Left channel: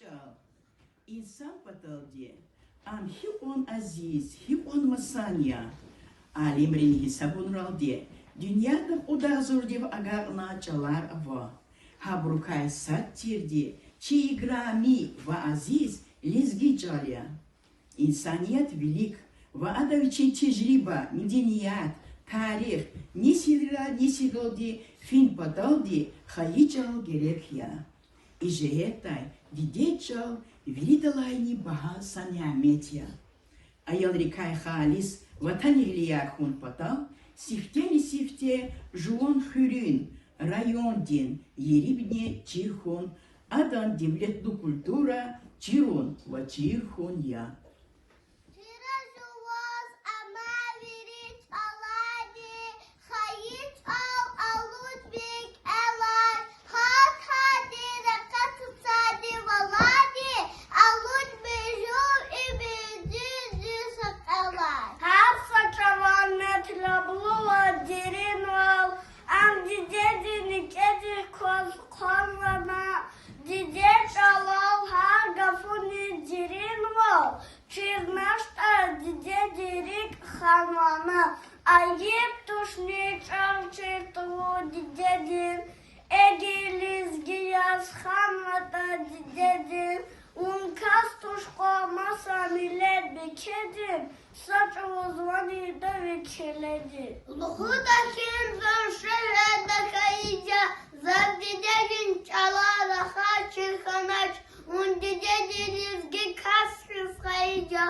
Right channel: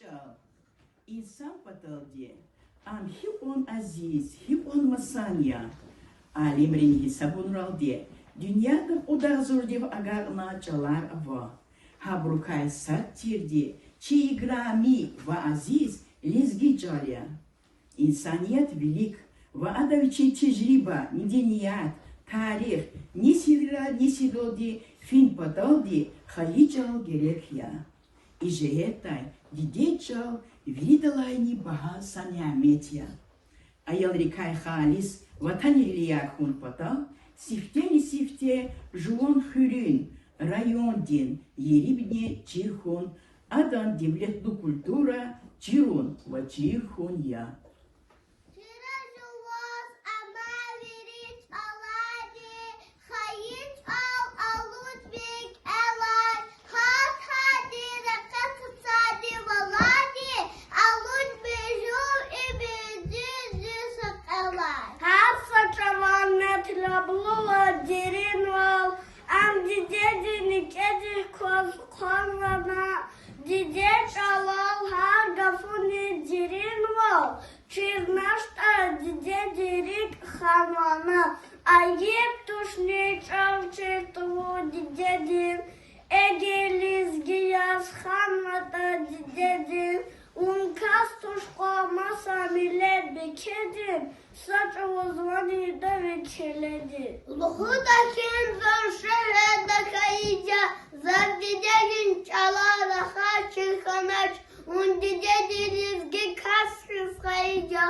çal. İnsan patal diye. Am hi on aziz, hi on masanya. Alimrin hisabun ral diye. Dünyada o da zor diye agarna çalar ava. Habrukay sattir diye. Çi igrami ve aziz lizgi çalya. İnsaniyet velik ve adaviçi tecrüba, medeniyet, tarih, nesi doldi, fin pataldi, hayiçal gerek ya. İjehetay, dideçal, viridalayni baha sanyametya. Ayal rikay halis, vatan irliyak hun patal, sifte sifte, juon hürün, rayon din, yeribne çirhun, adan devletlu kultura, çirun ve çirhun ya. Ayıp tuşni çalçı tuğ dedim. Egeliz giyaz hamata dedim. Unkas tuşko masa millet bekedim. Saç uzmanı da vekeledi. Luhudakin zor da kayıca. Zadidegin çalara haçı kanaç. Undidediniz kasrız kayıca.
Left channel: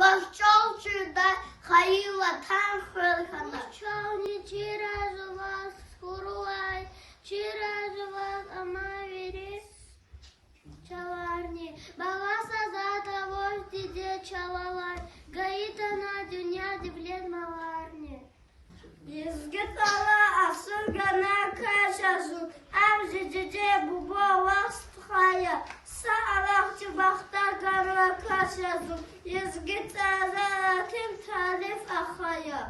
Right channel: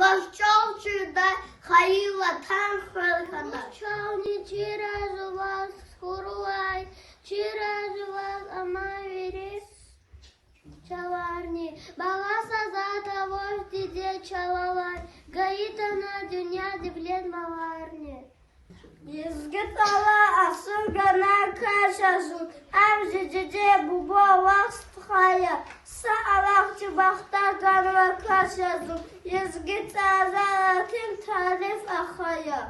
Вовчолчу да хаила танхана. Чални чираз вас хуруай, чираз вас амаверис. Чаварни, баласа за того, где чалавай, гаита на дюня дивлет маварни. Изгитала асыргана кашазун, авзидеде бубо вақстхая, саалақчы бақтагана кашазун, изгитазаратым тариф ахая.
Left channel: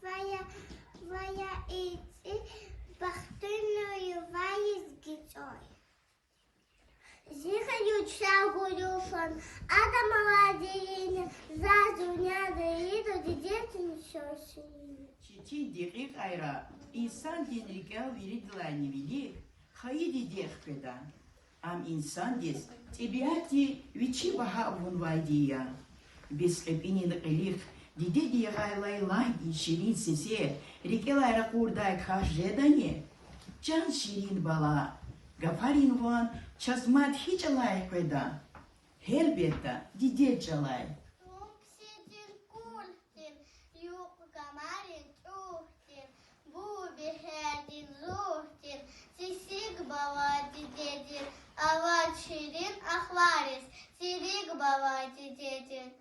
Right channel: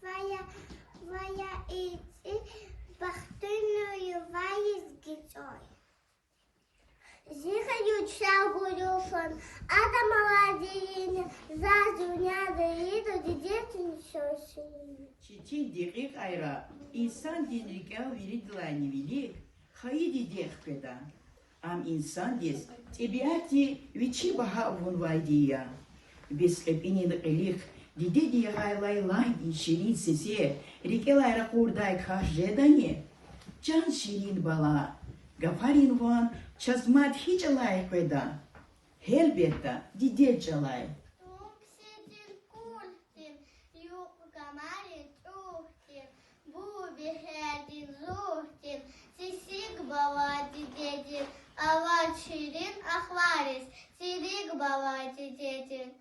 Твоя идти, бахтыную вайс гицой. Зихаю чагую сон, ада молодея, за dünya değil, дидетин şoşun. Çiçi dikik ayra, insan dinrika viridlani vilik, haydi dekpedan. Am insan des, tabiati vici baha vunvaydiya. Beskepinin elik, dide diye gaylaylay şirin sesi, rikelayra kurday kahjedani. Can şirin bala, gafarin van, çazmat hiç alay peda. Helbette dide çalay. Tupsidin kultin, yuk kamarin tuhtin, bu biherdin zuhtin, sisik baba didedin, avat şirin ahvaris, sidik baba didedin.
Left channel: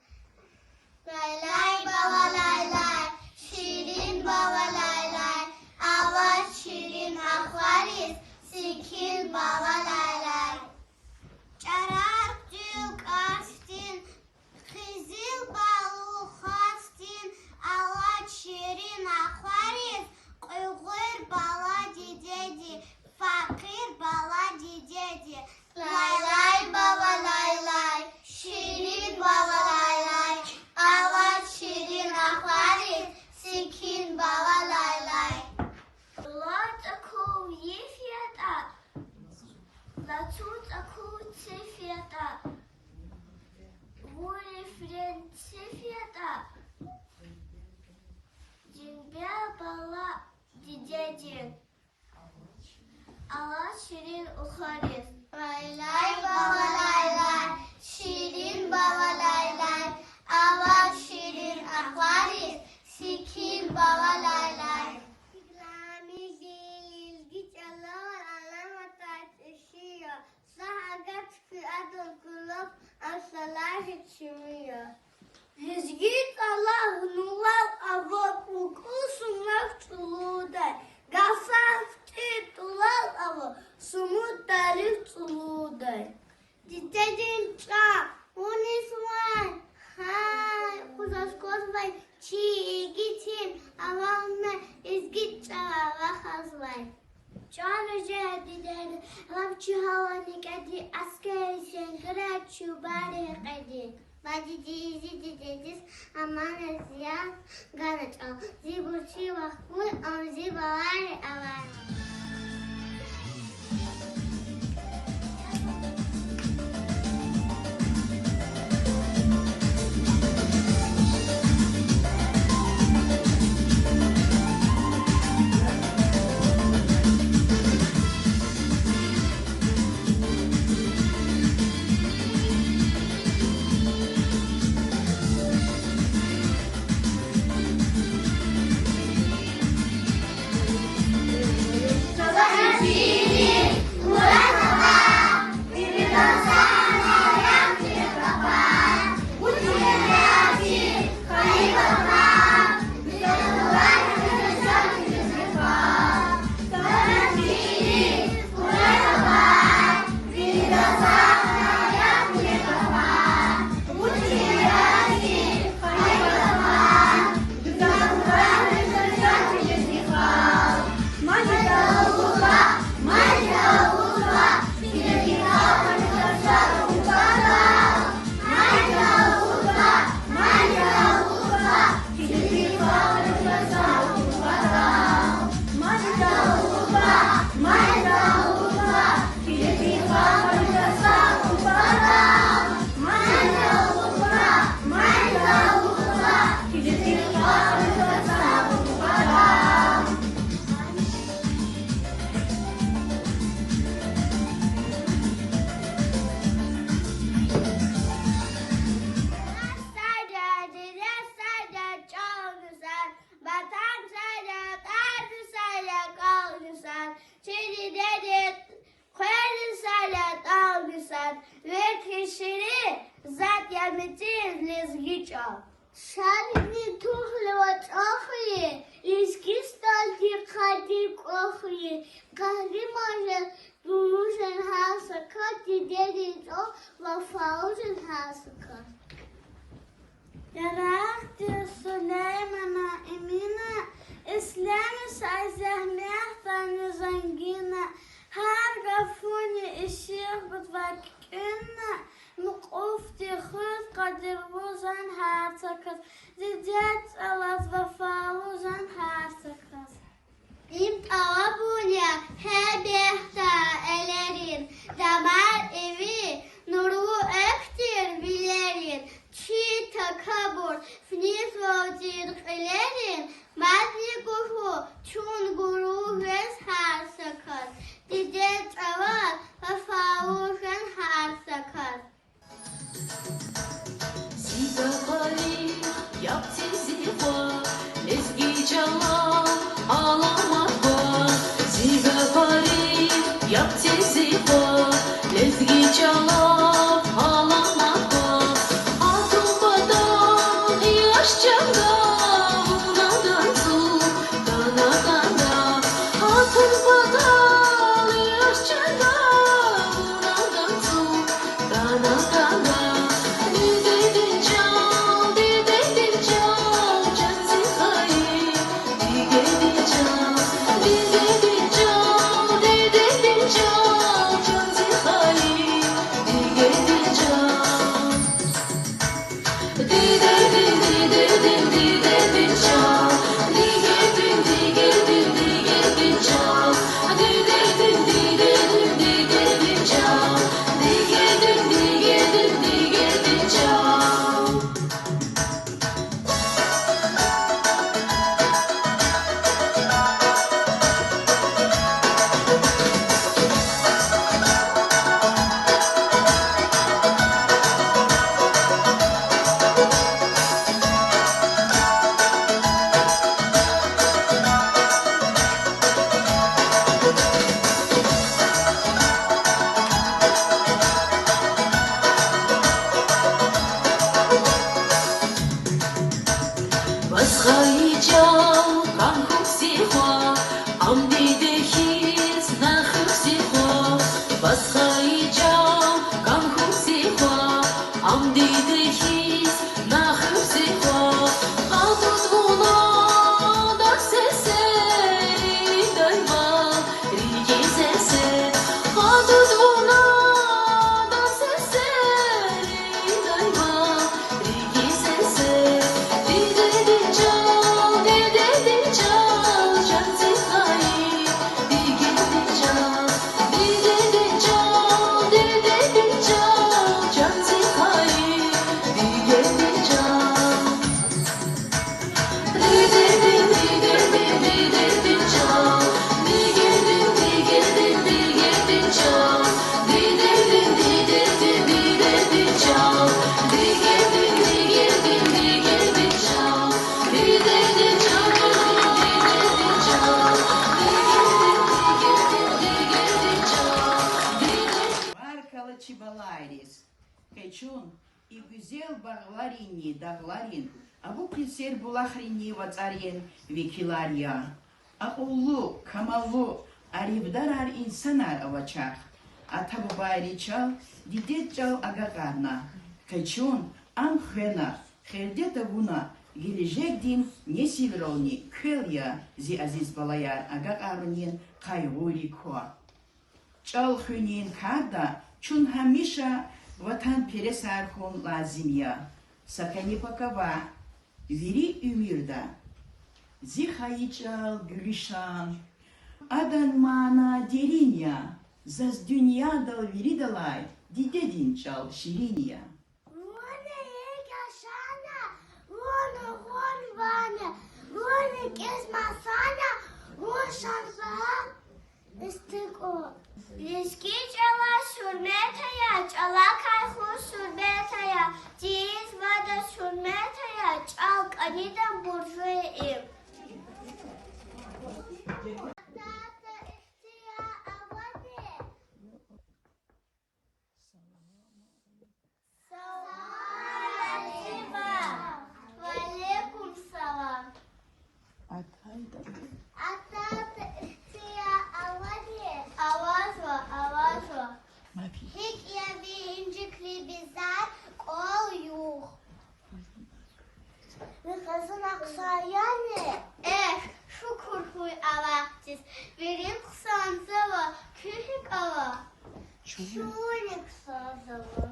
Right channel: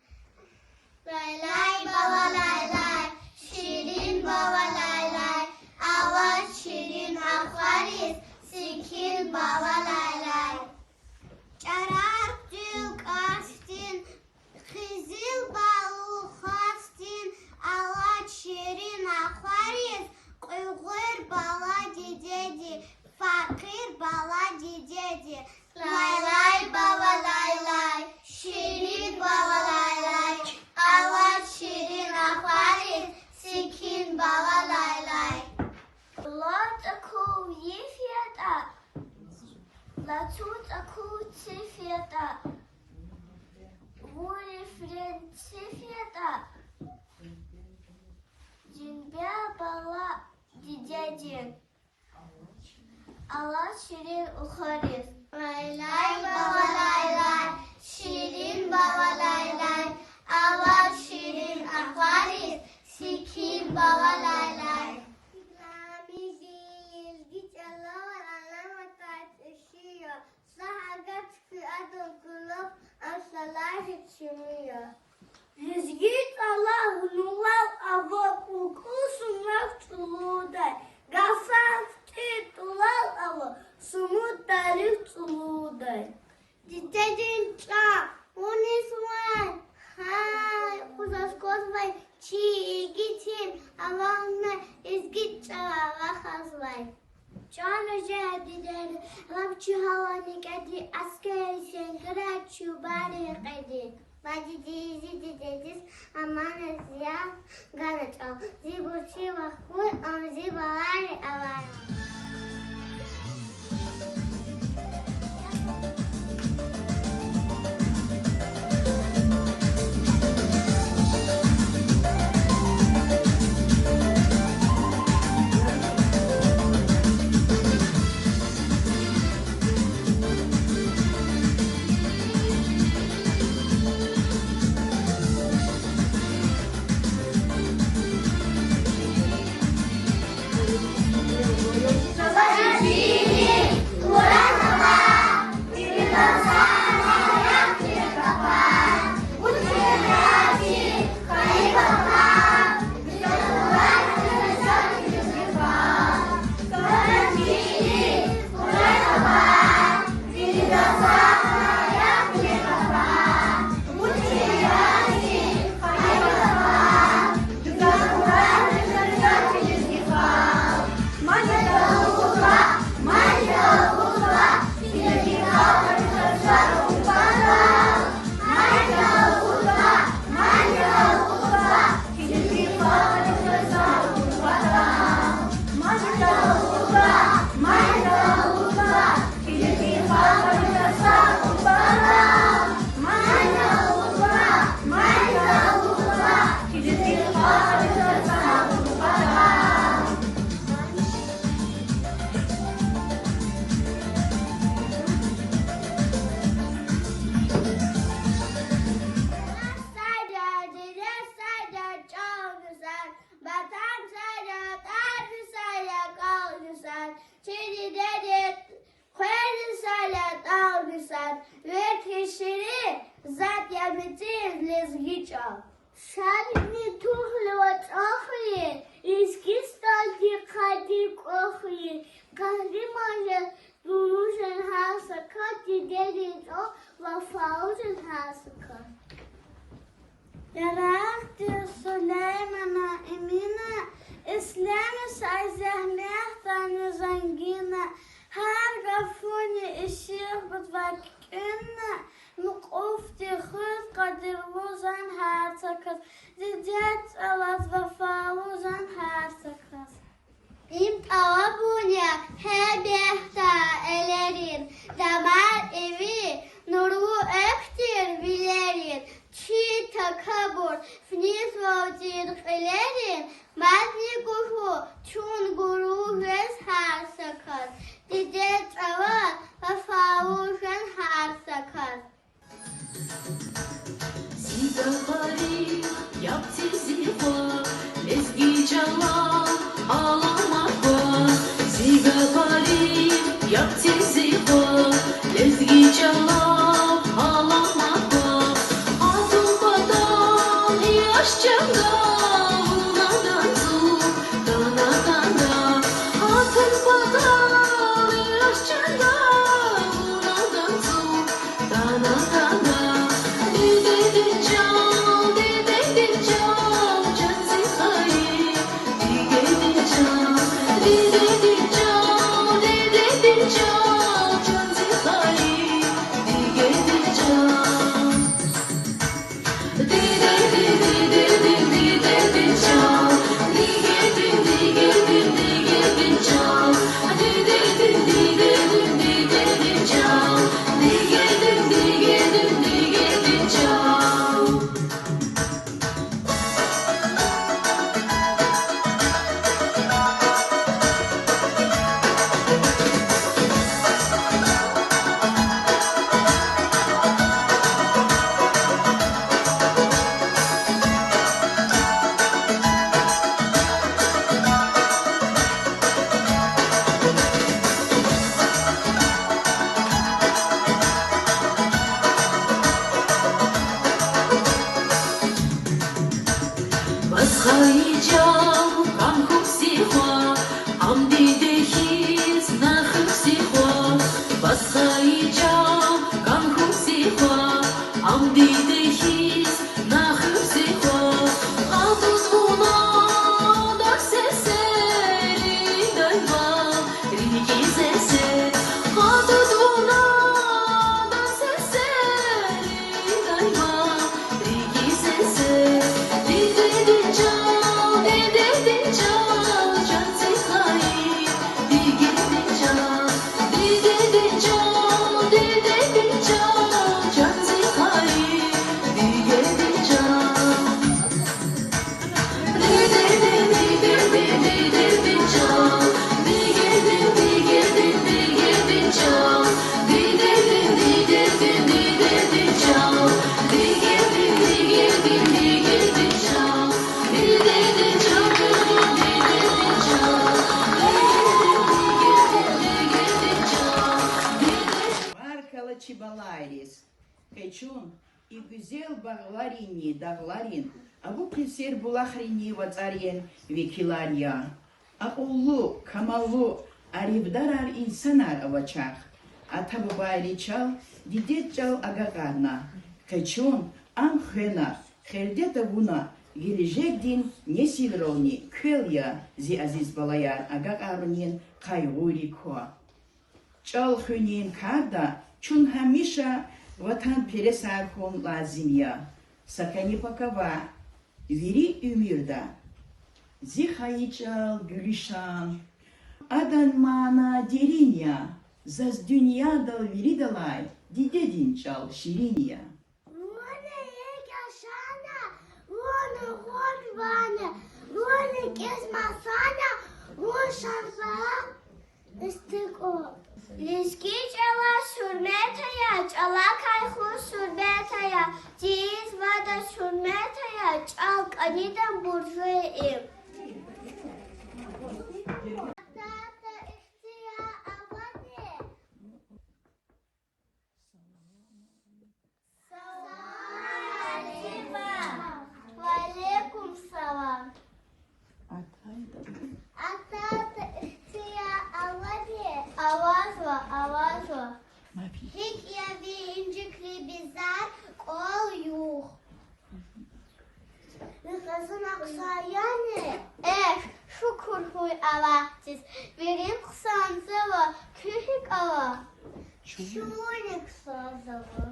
Lay lay baba lay lay, şirin baba lay lay, avat şirin ahvaris, sikin baba lay lay. Çarak cük açtın, kızıl balı hastin, avat şirin akvaris, uygur bala didedi, fakir bala didedi. Lay lay baba lay lay, şirin baba lay lay, avat şirin akvaris, sikin baba lay lay. Lot aku yefiyata, latut aku sefiyata, vurifren sefiyata, cinbya bala didedin, Allah şirin uharis. Lay lay baba lay lay, şirin baba lay lay, avat şirin akvaris, sikin baba lay lay. İslami ilgi çalar, alamet taşıyor, sahagat fiyatın kulüp, asalar içmiyor. Lizgit Allah nulal avak ukusunlar tuluday. Gafar titulal avak sumut tarif tuluday. Didedin çak, uniswan, hay kuzas kozvay, çi gitin, avağına izgit çalağa hazvay. Can hoca dideni, lavçı havani kedi askeri şengre çubani kedi. Vadidizi didediz, aman eziyat, gana çal. Zibuçi vakfun, am zibalari avar. Шальни тухлевать охли, иски стальки хади кохли, каждый может нужен хасака, дедели то вафаузен хасака. Ярахти Сулеймана имена مهمه زنگینه هر گفونی اشیخ بتوکینه مقفتی خود قدر وزن هر سکت دیدت علت وفاوزن هر سکت İm tavabunya he behta elerin damar evi nuru ektir bilerin çi takabur fniz vacir elerin madli guhu çun guru ves her sakat didet avat vefavuşan her sakat Zigapari yaptı ziva ezgi cala ağlamakla Zigapari yaptı ziva ezgi cala ağlamakla Avrupa'dan yaşçada unadanzu kanadanda Avrupa'dan yaşçada unadanzu kanadanda Басхайчал, камкук сихва, амди дехис, нахук сихва. Басхайчал, камкук сихва, амди дехис, нахук сихва. Алтын гуна, дак сесе, дайма, рики сесе. Алтын гуна, дак сесе, дайма, рики сесе. Markalı çibalayris. Keçun и güzel bağlarini dağların. Avu pilser bulahrini vatsaryen vekilarya. Aullu, kamallu, arivdarar insanar avaçak. Atabu bayriçal, didetçal agakarna. Keçun amhena, хердета буна, gelecek din nesivrovni, kılya zi aziz balayar agakarnin kayguri ko. Çal hünin karda, çun hamisha vatan peresarhon lazimya. Sakani pakava, viri ümirda. Zihayıçal gülüşan, adan mana derinya, zaz dünyada viri dalay, didedin çal şirinya. Вона егашана, вона горвана, вона кезмасана, вон шарфа истико. Лишки чала шурметая, чала кайху шурметая, диз вада шурметая, чал канидан буржуи. Тата ихтия аване. Алейкум салам. Атата ихтия аване. Авазва. Hik yavi incikli bizar kol yuh. Ve kazın aksayane. Чуник созову.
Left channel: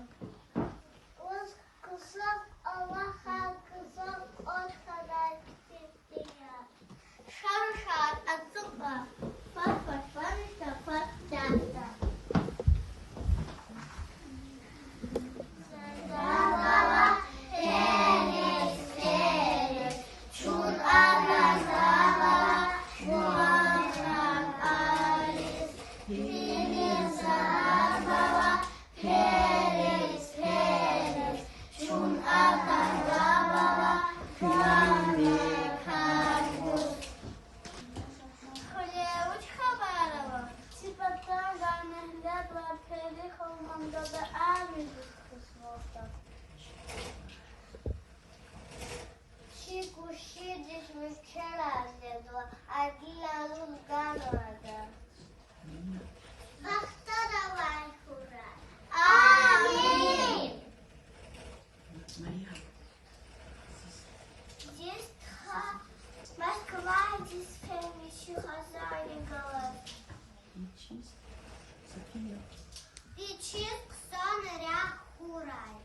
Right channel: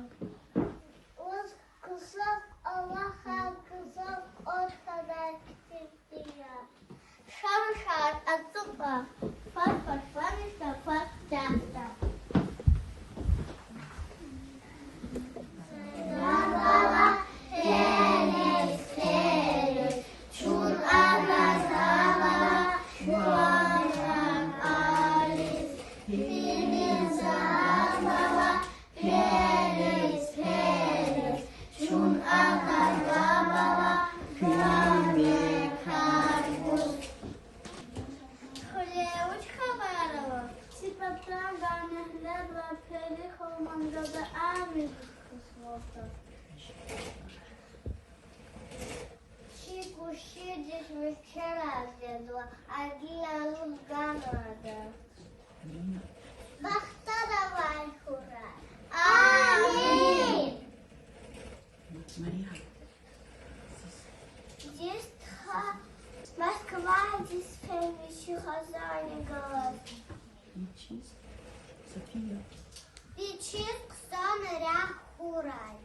Уз кусок Аллаха, кусок от Хадактия. Шар-шар от супа. Фар-фар-фар-фар, фар-фар-фар. Баба, Херес, Херес, Чун Абасава, Чуан Алис, Херес, Баба, Херес, Херес, Чун Абасава, Чуан Алис. Хлебуч Хабарова, Сипата, Гарнахлебла, Пели, Холмандада, Ами. Шикуши здесь вчера злезла, а Гия Лузганова. Бахта давай, ура! Аминь! Здесь Москва, здесь еще хозяин голос. Печенк, сон, рях, урай.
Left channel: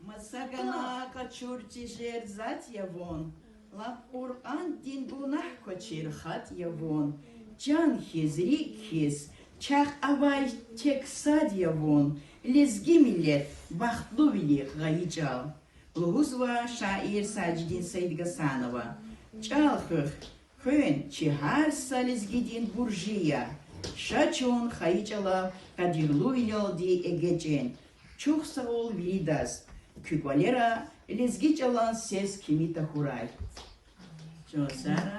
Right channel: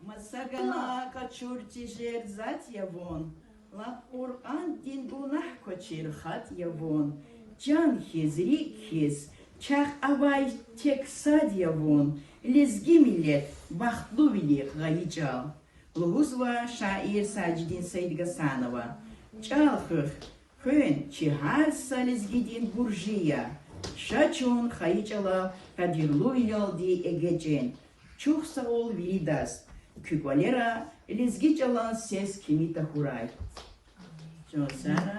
Масагана качурти жерзат явон. Лап Ур'ан дин бунах кочир хат явон. Can hizri hiz. Çах avay tek sad явон. Lezgi millet bahtlu vili gayical. Luhuzva şair Sacdin Said Gasanova. Çalhıh. Хön чихарса лезгидин буржия. Шачон хаичала кадирлу вилялди эгечен. Чухса ол вилидас. Kükolera lezgi çalan ses kimi tahurай. Çosara.